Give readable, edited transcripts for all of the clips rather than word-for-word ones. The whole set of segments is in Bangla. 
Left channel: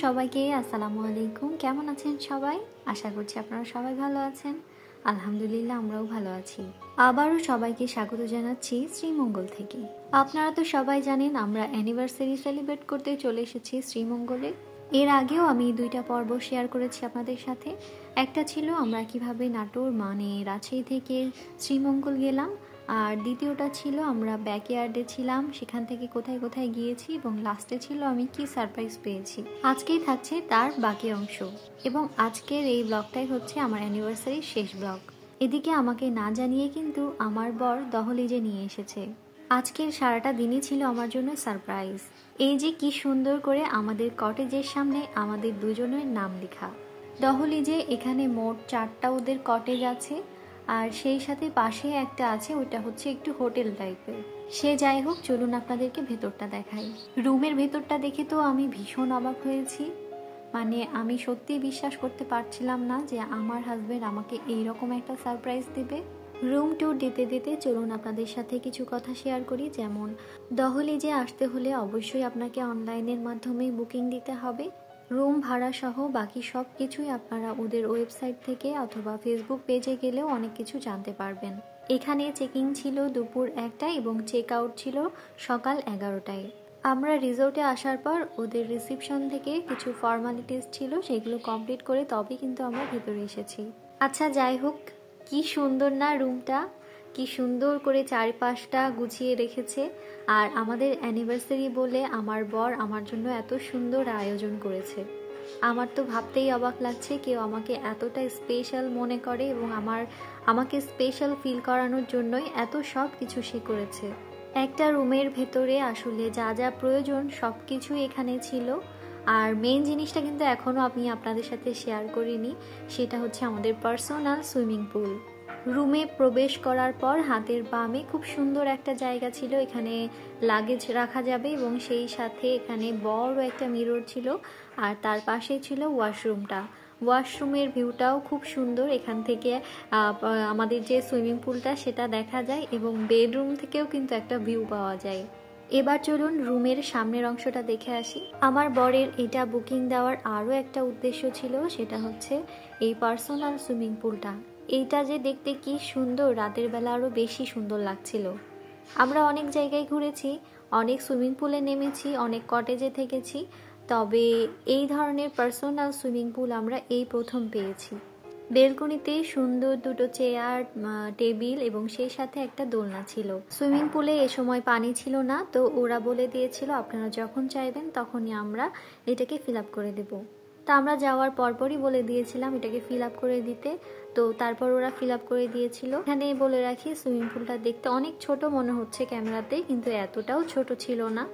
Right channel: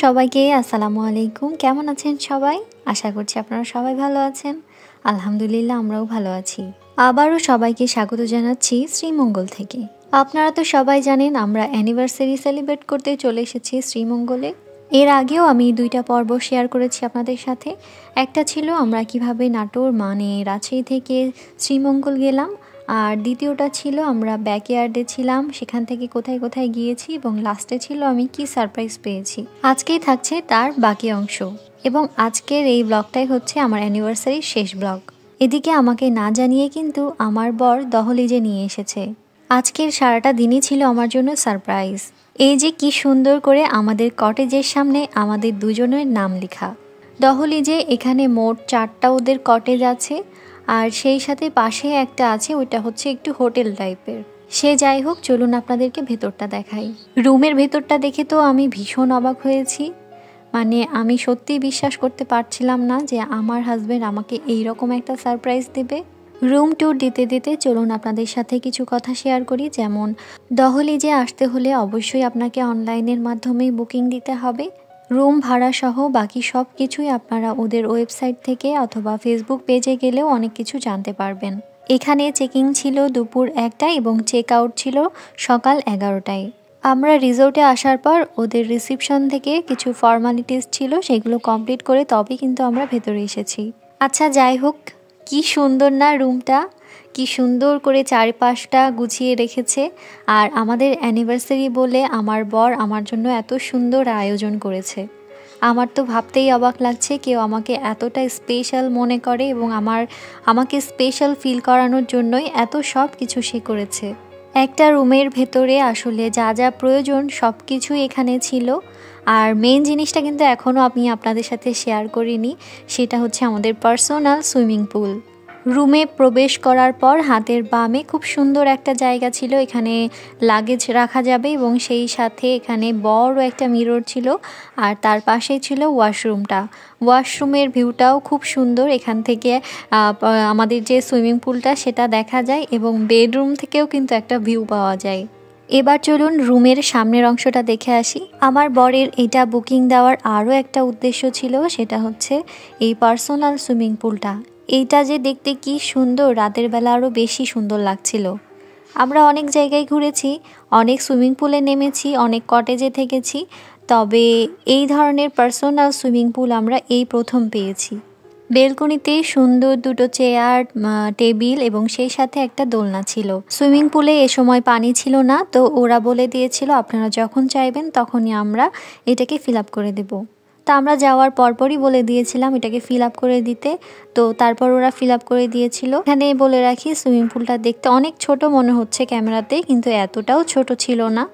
সবাইকে আসসালামু আলাইকুম। কেমন আছেন সবাই? আশা করছি আপনারা সবাই ভালো আছেন। আলহামদুলিল্লাহ আমরাও ভালো আছি। আবারও সবাইকে স্বাগত জানাচ্ছি শ্রীমঙ্গল থেকে। আপনারা তো সবাই জানেন আমরা অ্যানিভার্সারি সেলিব্রেট করতে চলে এসেছি শ্রীমঙ্গলে। এর আগেও আমি 2টা পর্ব শেয়ার করেছি আপনাদের সাথে। একটা ছিল আমরা কিভাবে নাটোর রাজশাহী থেকে শ্রীমঙ্গল গেলাম, আর দ্বিতীয়টা ছিল আমরা ব্যাকইয়ার্ডে ছিলাম, সেখান থেকে কোথায় কোথায় গিয়েছি, এবং লাস্টে ছিল আমি কি সারপ্রাইজ পেয়েছি। আজকেই থাকছে তার বাকি অংশ, এবং আজকের এই ব্লগটাই হচ্ছে আমার অ্যানিভার্সারির শেষ ব্লগ। এদিকে আমাকে না জানিয়ে কিন্তু আমার বর দহলিজে নিয়ে এসেছে। আজকের সারাটা দিনই ছিল আমার জন্য সারপ্রাইজ। এই যে কি সুন্দর করে আমাদের কটেজের সামনে আমাদের দুজনের নাম লেখা। দহলিজে এখানে মোট 4টা ওদের কটেজ আছে, আর সেই সাথে পাশে একটা আছে, ওইটা হচ্ছে একটু হোটেল টাইপের। সে যাই হোক, চলুন আপনাদেরকে ভেতরটা দেখাই। রুমের ভেতরটা দেখে তো আমি ভীষণ অবাক হয়েছি। মানে আমি সত্যিই বিশ্বাস করতে পারছিলাম না যে আমার হাজব্যান্ড আমাকে এইরকম একটা সারপ্রাইজ দেবে। রুম ট্যুর দিতে দিতে চলুন আপনাদের সাথে কিছু কথা শেয়ার করি। যেমন দহলিজে আসতে হলে অবশ্যই আপনাকে অনলাইনের মাধ্যমেই বুকিং দিতে হবে। রুম ভাড়া সহ বাকি সব কিছুই আপনারা ওদের ওয়েবসাইট থেকে অথবা ফেসবুক পেজে গেলেও অনেক কিছু জানতে পারবেন। এখানে চেকিং ছিল দুপুর 1টায় এবং চেক আউট ছিল সকাল 11টায়। আমরা রিসোর্টে আসার পর ওদের রিসিপশন থেকে কিছু ফর্মালিটিস ছিল, সেগুলো কমপ্লিট করে তবে কিন্তু আমরা ভেতরে এসেছি। আচ্ছা যাই হোক, কি সুন্দর না রুমটা, কি সুন্দর করে চারপাশটা গুছিয়ে রেখেছে। আর আমাদের অ্যানিভার্সারি বলে আমার বর আমার জন্য এত সুন্দর আয়োজন করেছে। আমার তো ভাবতেই অবাক লাগছে কেউ আমাকে এতটা স্পেশাল মনে করে, এবং আমাকে স্পেশাল ফিল করানোর জন্যই এত সব কিছু সে করেছে। একটা রুমের ভেতরে আসলে যা যা প্রয়োজন সব কিছুই এখানে ছিল। আর মেইন জিনিসটা কিন্তু এখনও আমি আপনাদের সাথে শেয়ার করিনি, সেটা হচ্ছে আমাদের পার্সোনাল সুইমিং পুল। রুমে প্রবেশ করার পর হাতের বামে খুব সুন্দর একটা জায়গা ছিল, এখানে লাগেজ রাখা যাবে, এবং সেই সাথে এখানে বড় একটা মিরর ছিল, আর তার পাশেই ছিল ওয়াশরুমটা। ওয়াশরুমের ভিউটাও খুব সুন্দর, এখান থেকে আমাদের যে সুইমিং পুলটা সেটা দেখা যায়, এবং বেডরুম থেকেও কিন্তু একটা ভিউ পাওয়া যায়। এবার চলুন রুমের সামনের অংশটা দেখে আসি। আমার বরের এটা বুকিং দেওয়ার আরও একটা উদ্দেশ্য ছিল, সেটা হচ্ছে এই পার্সোনাল সুইমিং পুলটা। এইটা যে দেখতে কি সুন্দর, রাতের বেলা আরও বেশি সুন্দর লাগছিল। আমরা অনেক জায়গায় ঘুরেছি, অনেক সুইমিং পুলে নেমেছি, অনেক কটেজে থেকেছি, তবে এই ধরনের পার্সোনাল সুইমিং পুল আমরা এই প্রথম পেয়েছি। বেলকনিতে সুন্দর 2টো চেয়ার, টেবিল এবং সেই সাথে একটা দোলনা ছিল। সুইমিং পুলে এ সময় পানি ছিল না, তো ওরা বলে দিয়েছিল আপনারা যখন চাইবেন তখনই আমরা এটাকে ফিল আপ করে দেব। তা আমরা যাওয়ার পরপরই বলে দিয়েছিলাম এটাকে ফিল আপ করে দিতে, তো তারপর ওরা ফিল আপ করে দিয়েছিল। এখানে বলে রাখি সুইমিং পুলটা দেখতে অনেক ছোট মনে হচ্ছে ক্যামেরাতে, কিন্তু এতটাও ছোট ছিল না।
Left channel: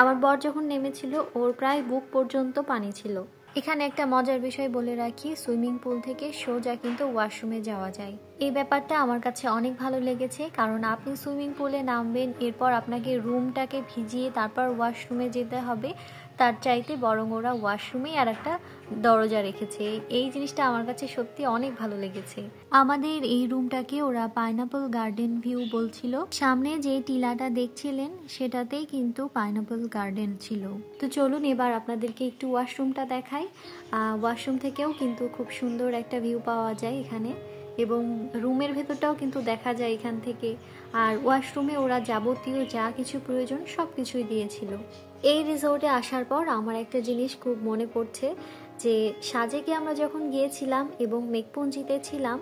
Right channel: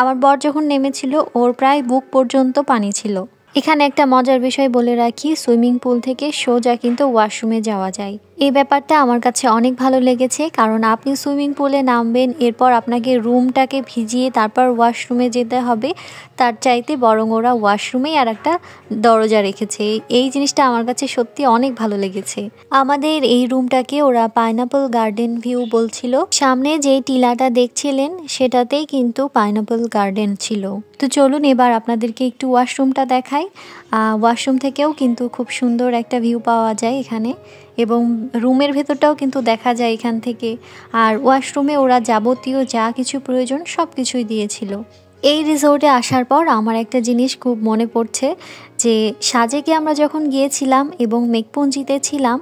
আমার বর যখন নেমেছিল ওর প্রায় বুক পর্যন্ত পানি ছিল। এখানে একটা মজার বিষয় বলে রাখি, সুইমিং পুল থেকে সোজা কিন্তু ওয়াশরুমে যাওয়া যায়। এই ব্যাপারটা আমার কাছে অনেক ভালো লেগেছে, কারণ আপনি সুইমিং পুলে নামবেন, এরপর আপনাকে রুমটাকে ভিজিয়ে তারপর ওয়াশরুমে যেতে হবে, তার চাইতে বরং ওরা ওয়াশরুমেই আর একটা দরজা রেখেছে। এই জিনিসটা আমার কাছে সত্যি অনেক ভালো লেগেছে। আমাদের এই রুমটাকে ওরা পাইনাপল গার্ডেন ভিউ বলছিল। সামনে যে টিলাটা দেখছিলেন সেটাতেই কিন্তু পাইনাপল গার্ডেন ছিল। তো চলুন এবার আপনাদেরকে একটু ওয়াশরুমটা দেখাই। ওয়াশরুম থেকেও কিন্তু খুব সুন্দর একটা ভিউ পাওয়া যায় এখানে, এবং রুমের ভেতরটাও কিন্তু দেখা যায় এখান থেকে। আর ওয়াশরুমে ওরা যাবতীয় যা কিছু প্রয়োজন সব কিছুই দিয়েছিল। এই রিসোর্টে আসার পর আমার একটা জিনিস খুব মনে পড়ছে, যে সাজেকে আমরা যখন গিয়েছিলাম এবং মেঘপুঞ্জিতে ছিলাম,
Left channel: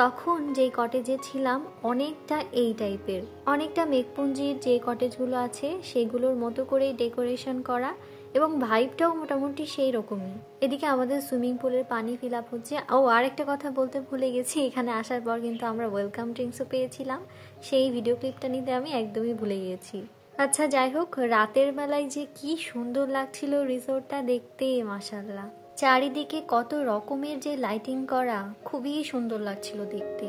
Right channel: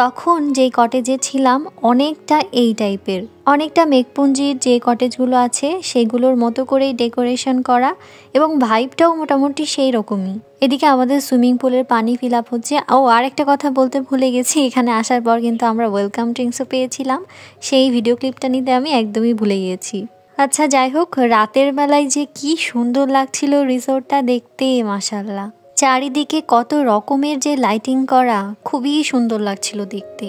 তখন যে কটেজে ছিলাম অনেকটা এই টাইপের, অনেকটা মেঘপুঞ্জির যে কটেজগুলো আছে সেগুলোর মতো করেই ডেকোরেশন করা, এবং ভাইবটাও মোটামুটি সেই রকমই। এদিকে আমাদের সুইমিং পুলের পানি ফিল আপ হচ্ছে। আর একটা কথা বলতে ভুলে গেছি, এখানে আসার পর কিন্তু আমরা ওয়েলকাম ড্রিঙ্কসও পেয়েছিলাম, সেই ভিডিও ক্লিপটা নিতে আমি একদমই ভুলে গিয়েছি। আচ্ছা যাই হোক, রাতের বেলায় যে কি সুন্দর লাগছিল রিসোর্টটা দেখতে, মাশাআল্লাহ। চারিদিকে কত রকমের যে লাইটিং করা, খুবই সুন্দর লাগছিল দেখতে।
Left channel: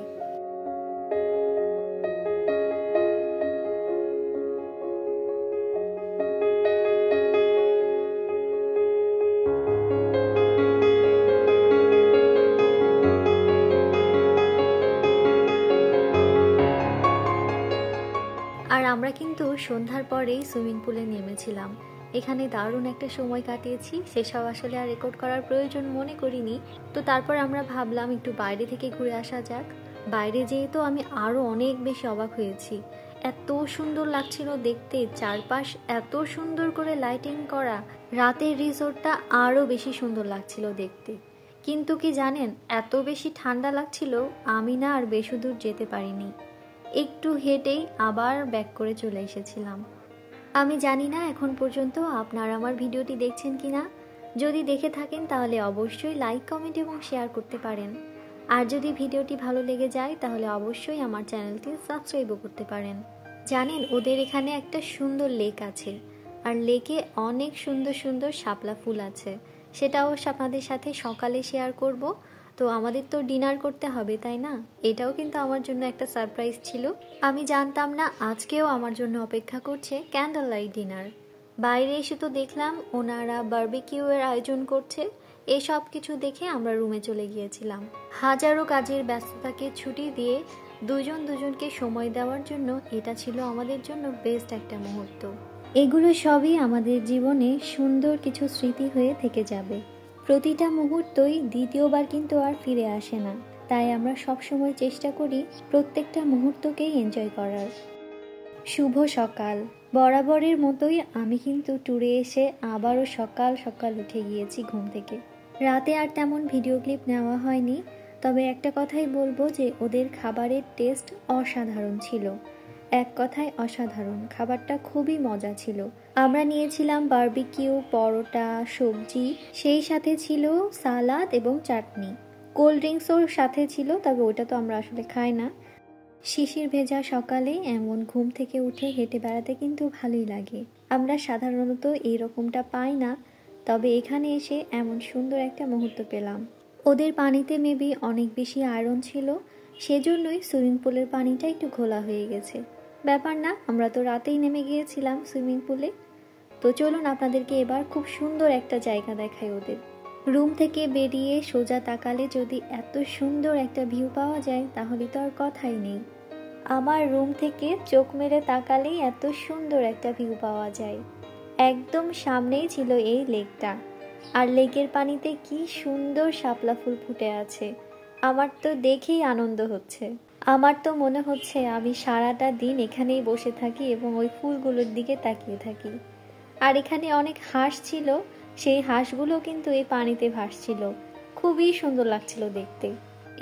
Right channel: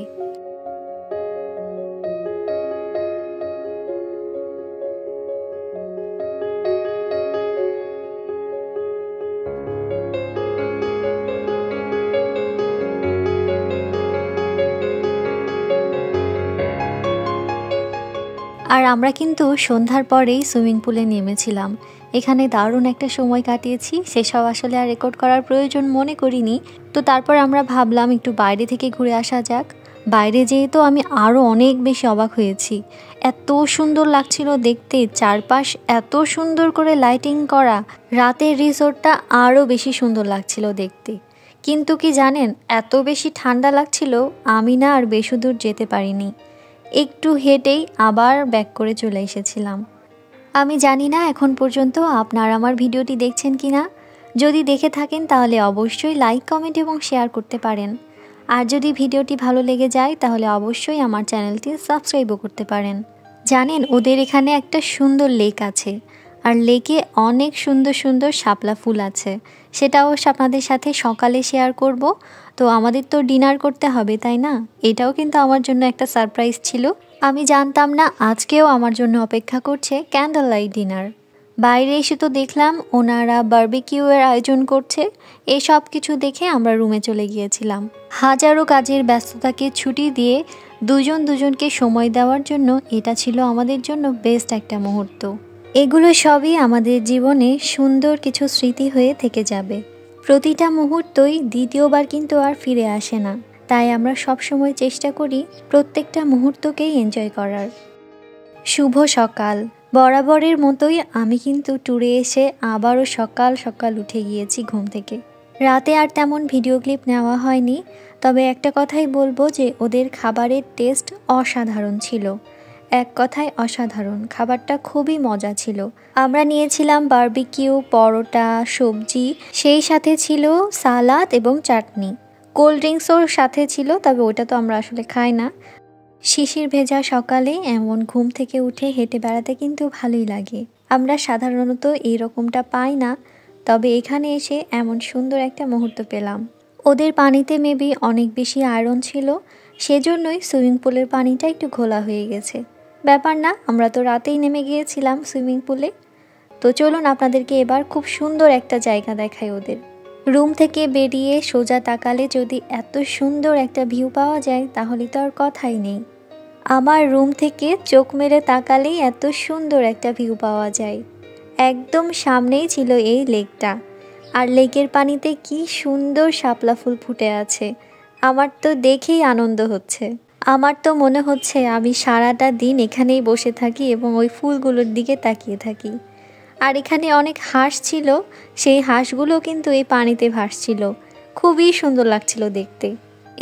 আর আমরা কিন্তু সন্ধ্যার পরেই সুইমিং পুলে নেমেছিলাম। এখানে দারুণ একটা সময় কাটিয়েছি, সেসব আসলে আর রেকর্ড করার প্রয়োজন মনে করিনি। তো তারপর আমরা ভাবলাম একটু বাইরে থেকে ঘুরে আসা যাক। বাইরে যেয়ে তো আমি আরও অনেক বেশি অবাক হয়েছি। এত সুন্দর লাগছিল দেখতে, চারপাশ এত সুন্দর করে লাইটিং করা, রাতের রিসোর্টটা আরও বেশি সুন্দর লাগছিল দেখতে। কিন্তু কি জানেন, এত বেশি ঠান্ডা লাগছিল আমি না আর বেশি দূর যেতে পারিনি, একটু হেঁটেই আবার ব্যাক করে চলে এসেছিলাম। আমি জানি না এখন পর্যন্ত আপনারা আমার ভিডিওটি দেখছেন কি না। যদি দেখে থাকেন তাহলে অবশ্যই লাইক, কমেন্ট এবং শেয়ার করতে পারেন। আর যদি ভিডিওটি ভালো লেগে যায় তাহলে অবশ্যই আমার চ্যানেলটি সাবস্ক্রাইবও করতে পারেন। জানেন, ওদের এখানে একটা সুন্দর লেক আছে, আর লেকে অনেক সুন্দর সুন্দর শাপলা ফুল আছে। সেটা অবশ্য আপনাদের সাথে সকালে শেয়ার করব। তো আমাদের তো ডিনার করতে হবে, তাই না? এটাও কিন্তু আমার জন্য একটা সারপ্রাইজ ছিল। আমি জানতাম না আজকেও আমার জন্য অপেক্ষা করছে ক্যান্ডেল লাইট ডিনার। বাইরে এসে তো দেখলাম ওনারা বারবিকিউয়ের আয়োজন করছে। এই সব কিছু দেখে আমরা রুমে চলে গিয়েছিলাম। হাজারো কাজের ব্যস্ততাকে ছুটি দিয়ে দুজনকে সময় দেওয়ার জন্য এটা ছিল আমাদের জন্য বেস্ট একটা মুহূর্ত। এগুলো সবই আমাদের জীবনে সুন্দর কিছু স্মৃতি হয়ে থেকে যাবে। প্রতিটা মুহূর্তই দ্বিতীয়বার কিন্তু আর ফিরে আসে না, তাই আমরা সবসময় চেষ্টা করি প্রত্যেকটা মুহূর্তকেই এনজয় করার। শুভ সকাল। বরাবরের মতোই আমি কিন্তু ট্যুরে এসে আবারও সকাল সকাল উঠে গিয়েছি ঘুম থেকে। রাতে আর তেমন ভিডিও ক্লিপ নেওয়া হয়নি, তবে একটা কথাই বলবো যে ওদের খাবারের টেস্ট অসাধারণ ছিল। এক কথায় অসাধারণ, খাবারটা খুবই মজা ছিল। আমরা নিয়েছিলাম বারবিকিউ, পরোটা, সবজি, সেই সাথে ছিল সালাদ এবং চাটনি। কোল্ড ড্রিঙ্কসও সাথে ছিল, তবে ওটা তো আমরা আসলে খাই না। শিশির ভেজা সকালে এমন ঘুম থেকে উঠে হেঁটে বেড়াতে কিন্তু ভালোই লাগে। আমরা সাধারণত এইরকমটা পাই না, তবে এখানে এসে এমন সুন্দর একটা মুহূর্ত পেলাম। ওদের পানিতে মেবি অনেক বেশি আয়রন ছিল, সেজন্যই সুইমিং পুলের পানিটা একটু ঘোলা হয়ে গেছে। ব্যাপার না, আমরা তো রাতেই নেমে গিয়েছিলাম সুইমিং পুলে। তো চলুন আপনাদেরকে এবার খুব সুন্দর একটা জায়গা দেখাই ওদের। রুম থেকে বেরিয়ে সোজা তাকালে যদি এত সুন্দর একটা ভিউ পাওয়া যায় তাহলে তো আর কথাই নেই। আমার রুম থেকে চোখ মেরে তাকালেই এত সুন্দর একটা ভিউ পাওয়া যায়। একদম সামনেই ছিল এই লেকটা, আর লেকের পানিতে কি সুন্দর শাপলা ফুল ফুটে আছে। আমার তো দেখেই আনন্দ হচ্ছে। আমার তো মনে হচ্ছে আমি সারাটা দিন এখানেই বসে থাকি এবং ওই ফুলগুলোর দিকে তাকিয়ে থাকি। আর এখানে অনেক হাঁস ছিল, সেই হাঁসগুলো কিন্তু এই পানিতে ভাসছিল। খুবই সুন্দর লাগছিল দেখতে।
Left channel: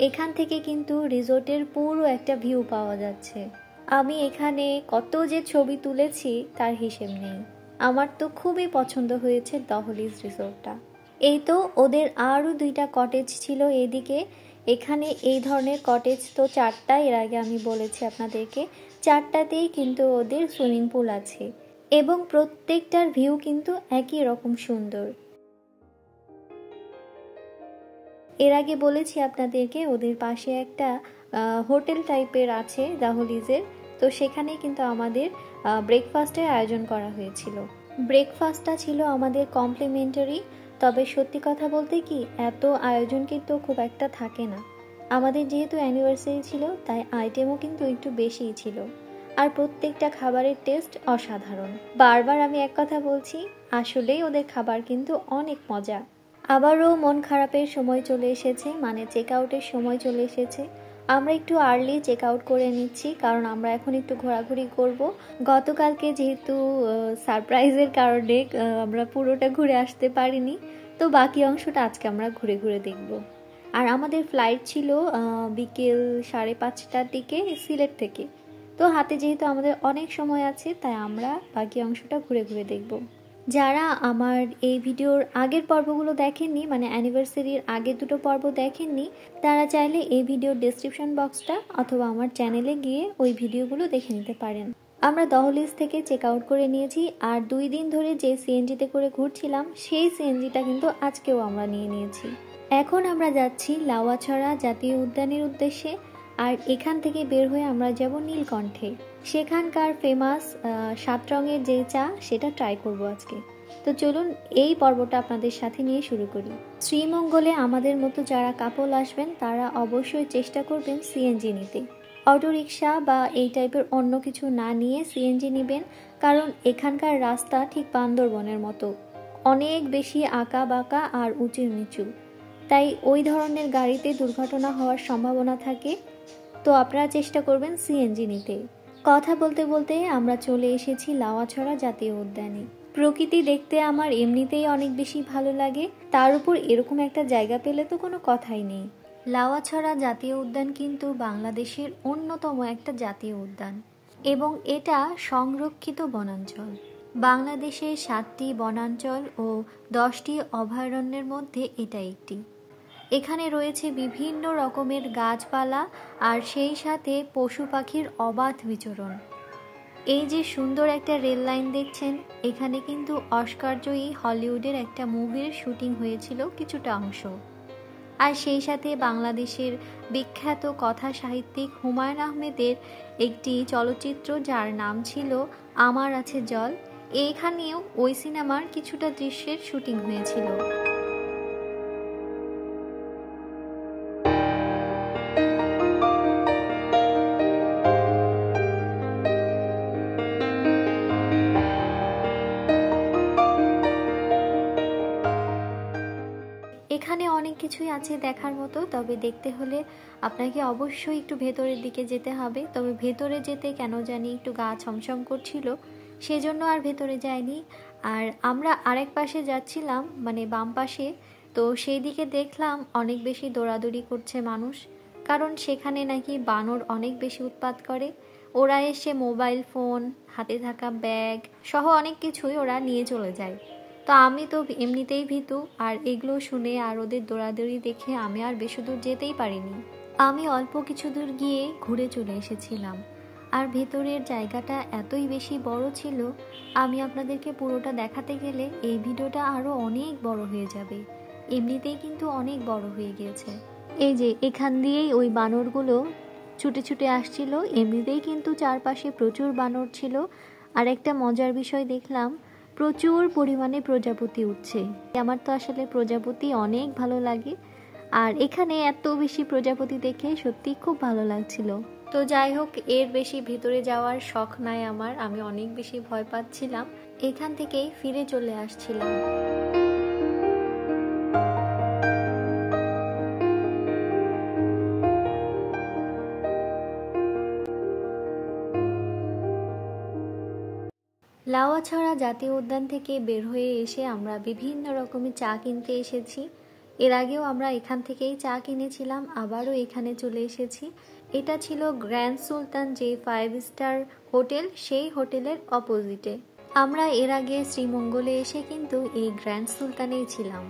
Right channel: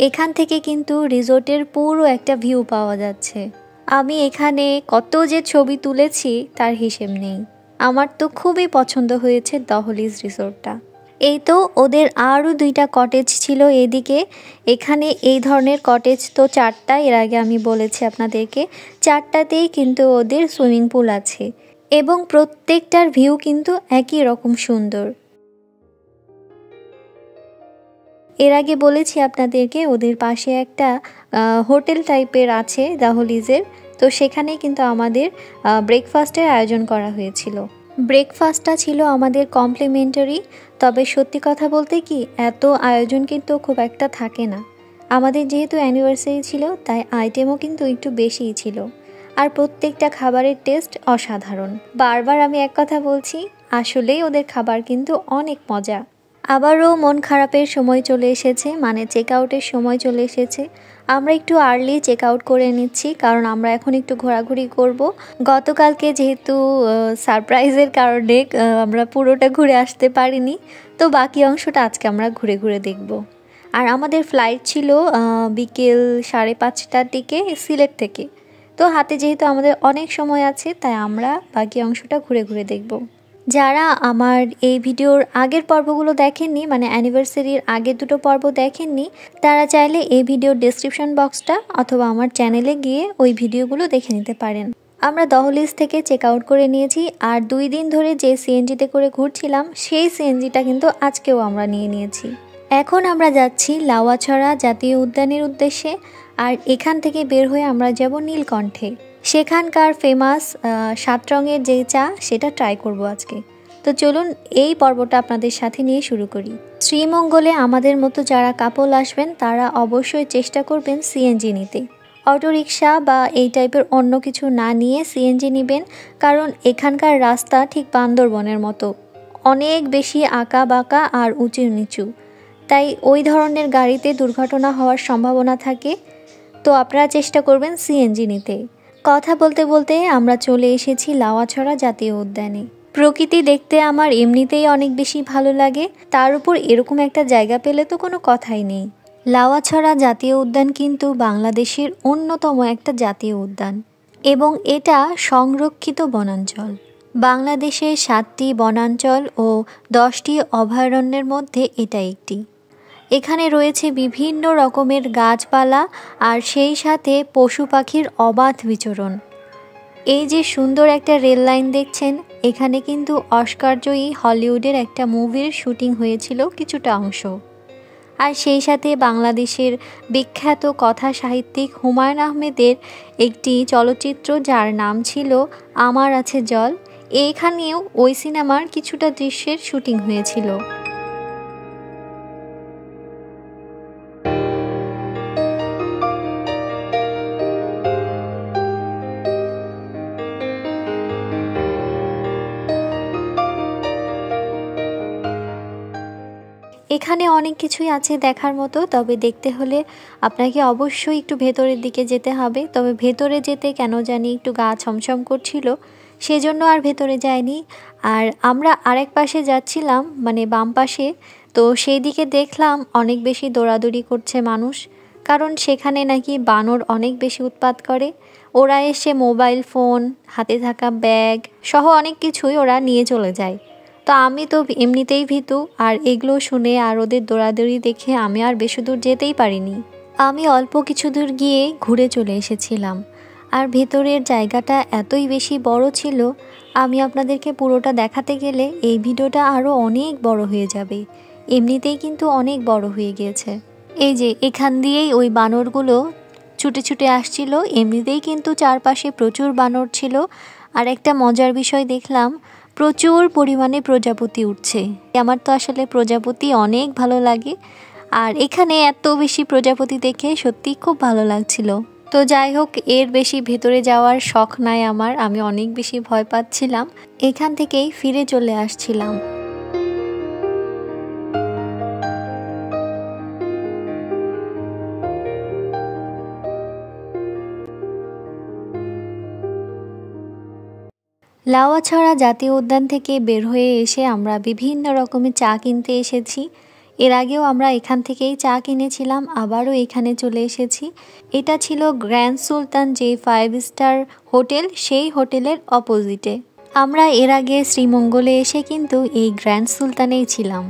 এখান থেকে কিন্তু রিসোর্টের পুরো একটা ভিউ পাওয়া যাচ্ছে। আমি এখানে কত যে ছবি তুলেছি তার হিসেব নেই। আমার তো খুবই পছন্দ হয়েছে দহলিজ রিসোর্টটা। এই তো ওদের আরও 2টা কটেজ ছিল এদিকে। এখানে এই ধরনের কটেজ তো 4টা, এর আগে আমি বলেছি আপনাদেরকে। 4টাতেই কিন্তু ওদের সুইমিং পুল আছে এবং প্রত্যেকটার ভিউ কিন্তু একই রকম সুন্দর। এর আগে বলেছি আপনাদেরকে ওদের পাশে একটা হোটেল টাইপের আছে দহলিজের, তো সেখানে কিন্তু আমাদের ব্রেকফাস্টের আয়োজন করা হয়েছিল। ব্রেকফাস্টটা ছিল আমাদের কমপ্লিমেন্টারি, তবে সত্যি কথা বলতে কি এত আয়োজন কিন্তু খুব একটা থাকে না। আমাদের যেহেতু অ্যানিভার্সারি ছিল তাই আইটেমও কিন্তু একটু বেশিই ছিল, আর প্রত্যেকটা খাবারের টেস্ট অসাধারণ। বারবার আমি এক কথা বলছি, আসলেই ওদের খাবার কিন্তু অনেক মজা। আবারও মন খারাপের সময় চলে এসেছে, মানে চেক আউটের সময় চলে এসেছে। আমরা একটু আর্লি চেক আউট করে নিচ্ছি, কারণ আমরা এখন একটু ঘোরাঘুরি করব। গতকালকে যেহেতু সারপ্রাইজের কারণে আমরা পুরোটা ঘুরে আসতে পারিনি, তো বাকি অংশটা আজকে আমরা ঘুরে ঘুরে দেখব। আর আমাদের ফ্লাইট ছিল বিকেল 5:30টার দিকে সিলেট থেকে। তো হাতে যেহেতু আমাদের অনেক সময় আছে, তাই আমরা বাকি অংশটা ঘুরে ঘুরে দেখব। যারা আমার এই ভিডিওর আগের পর্বগুলো দেখেননি, মানে অ্যানিভার্সারির আগের 2টো পর্ব দেখেননি, তারা চাইলে এই ভিডিওর ডেসক্রিপশন বক্সটা অথবা আমার চ্যানেলে গিয়ে ওই ভিডিওগুলো দেখে নিতে পারেন। আমরা দহলিজ থেকে চেক আউট করে নিয়েছি, আর 2 দিন ধরে যে সিএনজিতে করে ঘুরছিলাম সেই সিএনজিটা কিন্তু আজকেও আমরা নিয়ে নিয়েছি। এখন আমরা যাচ্ছি লাউয়াছড়া জাতীয় উদ্যানের উদ্দেশ্যে, আর এখান থেকে বের হয়ে আমরা যাব নীলকণ্ঠে। সেখানকার ফেমাস 7 রঙের যে চা সেটা ট্রাই করব আজকে। তো চলুন এই পর্বটা আপনাদের সাথে নিয়ে শুরু করি। শ্রীমঙ্গলে আমাদের মতো যারা কাপল আসবেন তারা অবশ্যই চেষ্টা করবেন সিএনজি নিতে। অটোরিকশা বা এই টাইপের অন্য কিছু না নিয়ে সিএনজি নেবেন, কারণ এখানকার রাস্তা ঠিক বান্দরবনের মতো, অনেক বেশি আঁকা বাঁকা আর উঁচু নিচু, তাই ওই ধরনের গাড়িতে দুর্ঘটনা হওয়ার সম্ভাবনা থাকে। তো আপনারা চেষ্টা করবেন সিএনজি নিতে। কথা বলতে বলতে আমরা চলে এসেছি লাউয়াছড়া জাতীয় উদ্যানে। প্রকৃতি দেখতে আমার এমনিতেই অনেক বেশি ভালো লাগে, তার উপর এরকম একটা জায়গা পেলে তো কোনো কথাই নেই। লাউয়াছড়া জাতীয় উদ্যান কিন্তু বাংলাদেশের অন্যতম একটা জাতীয় উদ্যান এবং এটা সংরক্ষিত বনাঞ্চল। বাংলাদেশের 7টি বনাঞ্চল ও 10টি অভয়ারণ্যের মধ্যে এটা একটি। এখানে রয়েছে বিভিন্ন রকমের গাছপালা আর সেই সাথে পশু পাখির অবাধ বিচরণ। এই যে সুন্দর একটা রেল লাইন দেখছেন, এখানে কিন্তু অস্কারজয়ী হলিউডের একটা মুভির শুটিং হয়েছিল কিছুটা অংশ। আর সেই সাথে বাংলাদেশের বিখ্যাত কথা সাহিত্যিক হুমায়ুন আহমেদের একটি চলচ্চিত্র যার নাম ছিল আমার আছে জল, এইখানেও ওই সিনেমার কিছুটা দৃশ্যের শুটিং হয়েছিল। এখানে অনেক কিছুই আছে দেখার মতো, তবে দেখতে হলে আপনাকে অবশ্যই একটু ভেতরের দিকে যেতে হবে। তবে ভেতরে যেতে কেন জানি একটু গা ছমছম করছিল, সেজন্য আর ভেতরে যাইনি। আর আমরা আরেক পাশে যাচ্ছিলাম, মানে বাম পাশে, তো সেই দিকে দেখলাম অনেক বেশি দৌড়াদৌড়ি করছে মানুষ, কারণ সেখানে নাকি বানর অনেক বেশি উৎপাত করে। ওরা এসে মোবাইল ফোন, হাতে থাকা ব্যাগ সহ অনেক কিছুই ওরা নিয়ে চলে যায়। তো আমি তো এমনিতেই ভীতু, আর এগুলো শুনে আর ওদের দৌড়াদৌড়ি দেখে আমি আর বেশি দূর যেতেই পারিনি। আমি অল্প কিছু দূর গিয়ে ঘুরে চলে এসেছিলাম। আর ভেতরের জায়গাটা এতই বেশি বড় ছিল, আমি আপনাদেরকে পুরোটা দেখাতে গেলে এই ভিডিওটা আরও অনেক বড় হয়ে যাবে। এমনিতেই কিন্তু অনেক বড় হয়ে গিয়েছে। এই যে এখান দিয়েই ওই বানরগুলো ছুটে ছুটে আসছিল, এমনিতেই কিন্তু চারপাশে প্রচুর বানর ছিল। আর একটা মজার বিষয় দেখলাম, প্রচুর পরিমাণে প্রজাপতি উঠছে। আমার তো আসলে প্রজাপতি অনেক ভালো লাগে, আর এখানে এত বেশি প্রজাপতি দেখে সত্যি খুব ভালো লাগছিল। তো যাই হোক, এর বেশি ভেতরে যাওয়ার শখ নাই আমার, আমি অনেক বেশি ভয় পাচ্ছিলাম, এখান থেকেই ফিরে চলে আসছিলাম। লাউয়াছড়া জাতীয় উদ্যান থেকে বের হয়ে এসে আমরা বিভিন্ন রকমের চা কিনতে এসেছি। এর আগেও আমরা এখান থেকেই চা কিনেছিলাম, আবারও এখানে চলে এসেছি। এটা ছিল গ্র্যান্ড সুলতান, যে 5 স্টার হোটেল, সেই হোটেলের অপোজিটে। আমরা এর আগে শ্রীমঙ্গলে এসে কিন্তু এই গ্র্যান্ড সুলতানেই ছিলাম।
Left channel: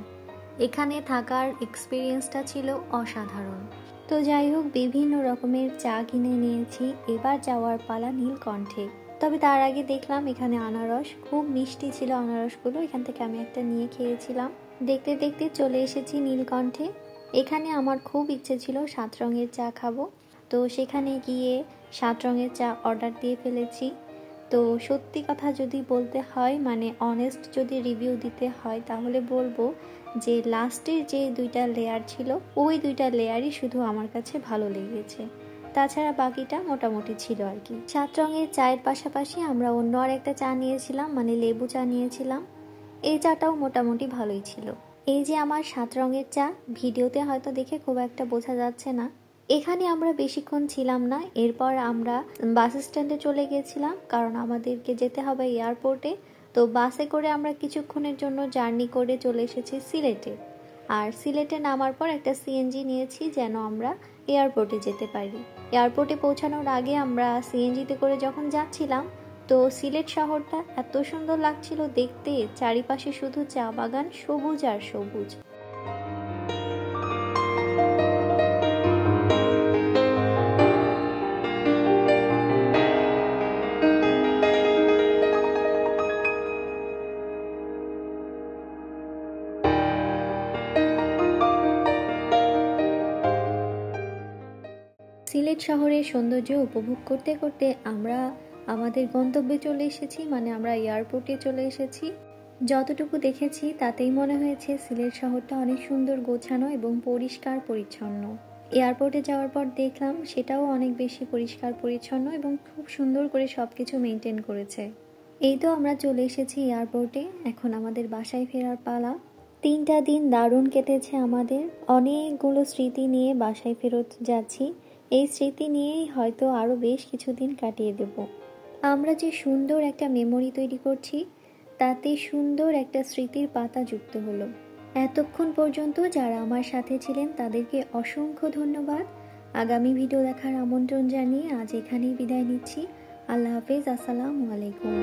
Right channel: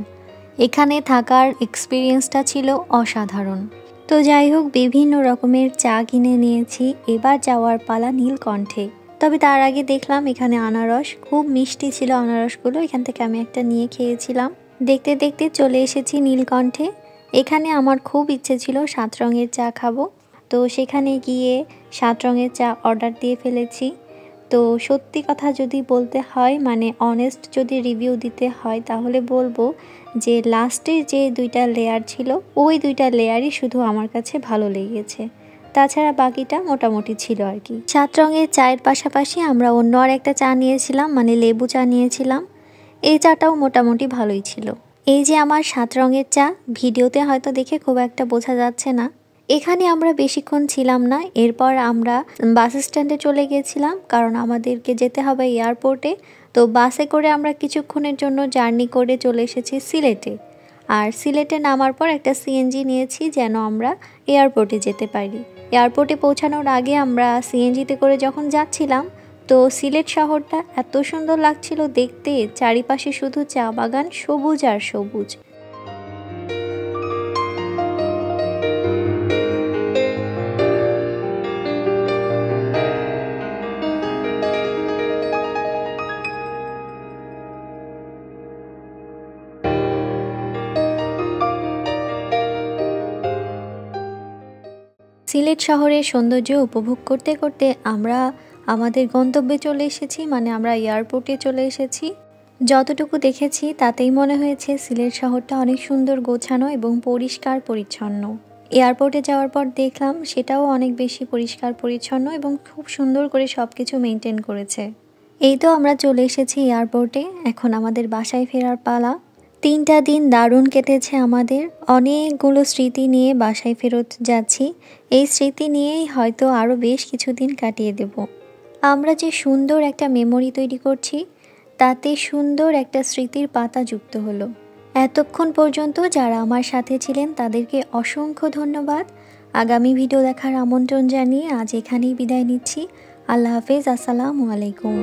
এখানে থাকার এক্সপিরিয়েন্সটা ছিল অসাধারণ। তো যাই হোক, বিভিন্ন রকমের চা কিনে নিয়েছি। এবার যাওয়ার পালা নীলকণ্ঠে। তবে তার আগে দেখলাম এখানে আনারস, খুব মিষ্টি ছিল আনারসগুলো, এখান থেকে আমি একটা নিয়ে খেয়েছিলাম। দেখতে দেখতে চলে এসেছি নীলকণ্ঠে। এখানে আমার খুব ইচ্ছে ছিল 7 রঙের চা খাবো, তো সেখানে গিয়ে 7 রঙের চা অর্ডার দিয়ে ফেলেছি। তো সত্যি কথা যদি বলতে হয়, মানে অনেস্ট যদি রিভিউ দিতে হয়, তাহলে বলবো যে লাস্টের যে 2টা লেয়ার ছিল, ওই 2টা লেয়ারই শুধু আমার কাছে ভালো লেগেছে, তাছাড়া বাকিটা মোটামুটি ছিল আর কি। 7 রঙের চায়ের পাশাপাশি আমরা অন্য আর একটা চা নিয়েছিলাম, মানে লেবু চা নিয়েছিলাম। এই চাটাও মোটামুটি ভালোই ছিল। এই যে আমার 7 রঙের চা, ভিডিওতে হয়তো দেখে খুব একটা বোঝা যাচ্ছে না। এখানে আমরা বেশিক্ষণ ছিলাম না, এরপর আমরা বাস স্ট্যান্ডে চলে গেছিলাম, কারণ আমাদেরকে যেতে হবে এয়ারপোর্টে। তো বাসে করে আমরা কিছুক্ষণের জন্য জার্নি করে চলে এসেছি সিলেটে। আর সিলেটে নামার পর একটা সিএনজি নিয়েছি যেন আমরা এয়ারপোর্টে যেতে পারি। এয়ারপোর্টে পৌঁছানোর আগে আমরা সিএনজিতে করে যখন যাচ্ছিলাম, তো সিলেট শহরটা এত সুন্দর লাগছিল দেখতে, চারিপাশে শুধু চা বাগান, সবুজ আর সবুজ। সিলেট শহরের সৌন্দর্য উপভোগ করতে করতে আমরা আমাদের গন্তব্যে চলে এসেছি, মানে আমরা এয়ারপোর্টে চলে এসেছি। যতটুকু দেখেছি তাতেই মনে হয়েছে সিলেট শহরটা অনেক সুন্দর, গোছানো এবং পরিষ্কার পরিচ্ছন্ন। এয়ারপোর্টে যাওয়ার পর দেখলাম সেটাও অনেক বেশি পরিষ্কার পরিচ্ছন্ন এবং খুব সুন্দর করে সব কিছু মেনটেন করেছে। এই তো আমরা চলে এসেছি এয়ারপোর্টে, এখন আমাদের বাসায় ফেরার পালা। 3টা দিন দারুণ কেটেছে আমাদের, অনেকগুলো স্মৃতি নিয়ে বাসায় ফেরত যাচ্ছি। এই স্মৃতি নিয়েই হয়তো আরও বেশ কিছুদিন কাটিয়ে দেব। আমরা যে সুন্দর একটা মেমোরি তৈরি করছি, তাতে সুন্দর একটা স্মৃতির পাতা যুক্ত হলো। এতক্ষণ পর্যন্ত যারা আমার সাথে ছিলেন তাদেরকে অসংখ্য ধন্যবাদ। আগামী ভিডিও দেখার আমন্ত্রণ জানিয়ে আজ এখানেই বিদায় নিচ্ছি। আল্লাহ হাফেজ, আসসালামু আলাইকুম।